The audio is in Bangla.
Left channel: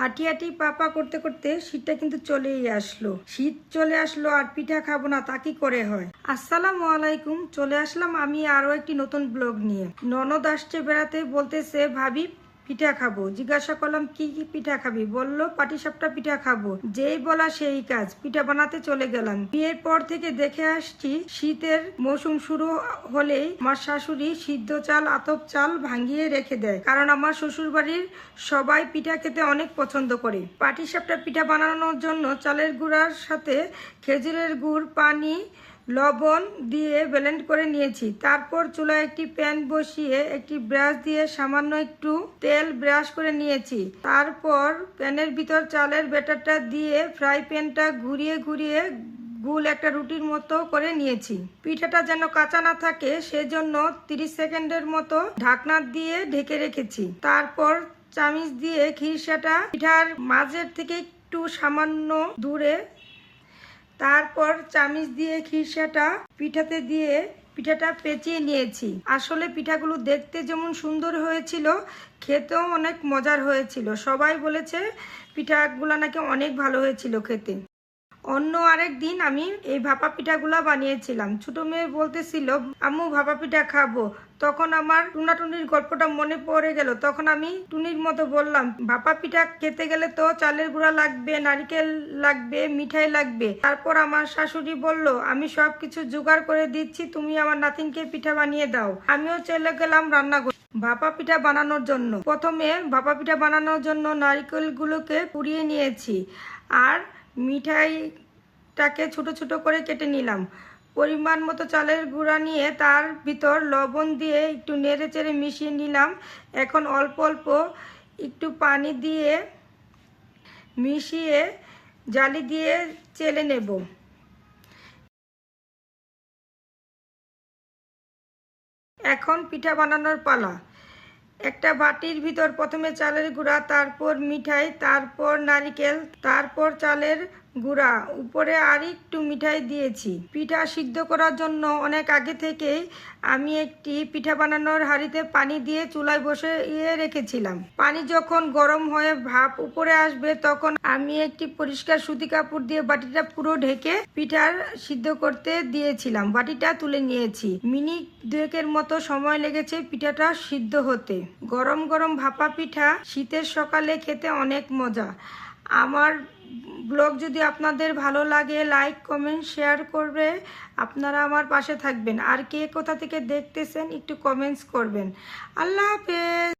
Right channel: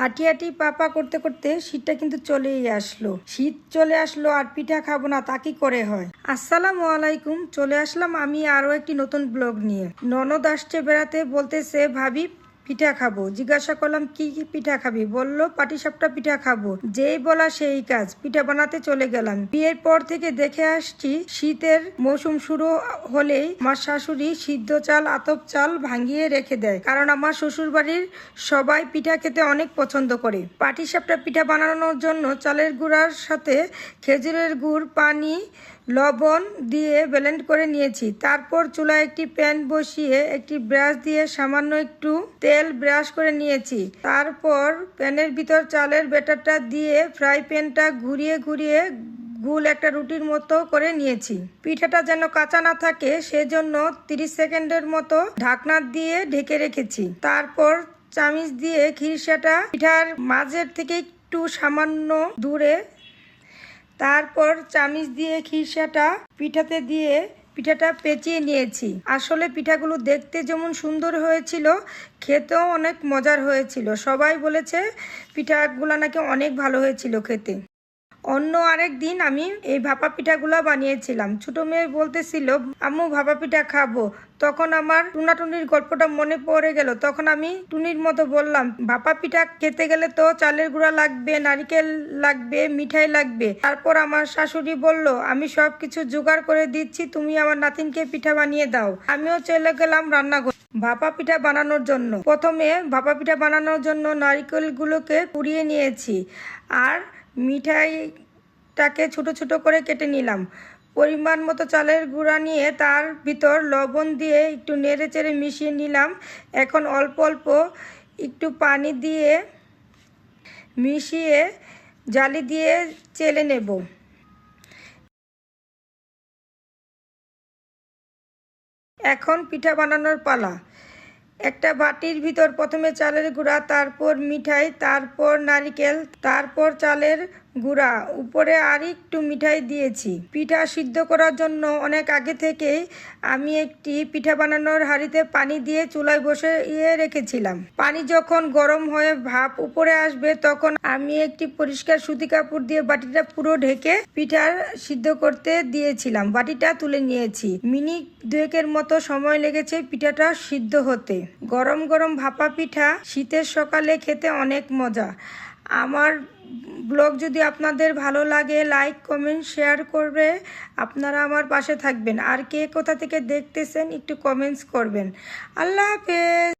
হাঁটি হাঁটি পাপা করতে করতে শীতটা কিন্তু চলেই আসলো। শীত চলে আসলো আর পিঠা খাবো না তা কি করে হয়। আসসালামু আলাইকুম, চলে আসলাম আমি আরো একটি নতুন ব্লগ নিয়ে। ননদ আসছে বেড়াতে, বলতেছে ভাবি পিঠা খাবো। জিজ্ঞাসা করলাম কি কি পিঠা খাবি? বললো পাটিসাপটা পিঠা খাবো। যেই বলা সেই কাজ, পিঠা বানাতে চলে গেলাম। বিয়ের পর থেকে দেখে আসছি শীতের মৌসুম শুরু হলেই আমার শাশুড়ি সিদ্ধ চাল আতপ চাল ভাঙিয়ে রেখে দেয়, কারণ আমার শ্বশুর বাড়ির সবাই পিঠা খেতে অনেক পছন্দ করে। পাটিসাপটা পিঠা বানানোর জন্য চালের গুঁড়ার সাথে খেজুরের গুড়, পানি, লবণ দিয়ে ব্লেন্ড করে নিয়েছি। তারপর চুলায় একটি প্যান বসিয়ে একটি ব্রাশ দিয়ে সামান্য একটু তেল ব্রাশ করে নিয়েছি। তারপর প্যানের ভিতর চালের ব্যাটারটা দিয়ে ফ্রাই প্যানটা ঘুরিয়ে ঘুরিয়ে গোল একটা রুটির মতো করে নিয়েছি। পিঠাটা যেন কাঁচা না থাকে সেজন্য 30 সেকেন্ডের মতো ঢাকনা দিয়ে ঢেকে রেখেছি। তারপর চামিচ দিয়ে খিরসাটা পিঠার মাঝের থেকে একটু সামান্য দূরে, তারপর চামিচ দিয়ে খিরসাটা পিঠাতে দিয়ে পিঠাটা পেঁচিয়ে নিয়েছি। আসলে পিঠাগুলো দেখতে যেমন সুন্দর হয়েছিল, খেতেও অনেক মজার হয়েছিল। সবাই বলেছে পিঠাগুলো নাকি অনেক ভালো হয়েছিল খেতে। অন্য আরেক দিন আমি এই ভাপা পিঠাগুলো বানিয়েছিলাম। ছোট মেয়ে বলতেছিল আম্মু ভাপা পিঠা খাবো। তখন আমার টুনাটুনির গল্পটা মনে পড়ে গেল। তখন আমি টুনির মতো বললাম, ভাপা পিঠা খেতে গেলে তো চালের গুঁড়া লাগবে, নারকেল লাগবে, মিঠাই লাগবে। তারপর আমার শাশুড়ি বলল, আমি সব কিছু জোগাড় করে দিচ্ছি, তুমি আমার নাতিনকে পিঠা বানিয়ে দাও। আমিও চলে গেলাম রান্নাঘরে ভাপা পিঠা বানানোর জন্য। প্রথমে ভাপা পিঠা বানানোর জন্য নারকেলগুলোকে কুড়িয়ে নিয়েছি আর মিঠাইটাকে ছোট ছোট করে কেটে নিলাম। পরিমাণ মতো চালের গুঁড়া নিয়ে তার ভিতর লবণ দিয়ে একটু নেড়ে চেড়ে মিশিয়ে নিলাম। এখন অল্প অল্প একটু পানি দিয়ে মিশিয়ে জালি দিয়ে চেলে নেব। এখন পিঠা বানানোর পালা। একটা বাটির ভিতর প্রথমে চালের গুঁড়া, তারপর মিঠাই, তারপর নারকেল, তারপর চালের গুঁড়া, উপরে আর একটু মিঠাই দিয়েছি। পিঠা সিদ্ধ করার জন্য অনেক আগে থেকেই আমি একটি পিঠা বানানোর হাঁড়িতে পানি দিয়ে চুলায় বসিয়ে রেখেছিলাম। পানি যখন গরম হয়ে ভাপ উপরে আসবে তখন আমি একটি পরিষ্কার সুতি কাপড় দিয়ে বাটিটা পুরো ঢেকে পিঠা সিদ্ধ করতে দিয়েছিলাম। বাটিটা তুলে নিয়েছি। মিনিট 2 মতো সময় লেগেছে পিঠাটা সিদ্ধ হতে। গরম গরম ভাপা পিঠা শীতের সকালে খেতে অনেক মজা। আমার ব্লগ যদি আপনাদের ভালো লাগে, লাইক কমেন্ট শেয়ার করবে, আপনারা আমার পাশে থাকবেন। আর কে কোথা থেকে দেখতেছেন একটু কমেন্টস করবেন। আল্লাহ হাফেজ।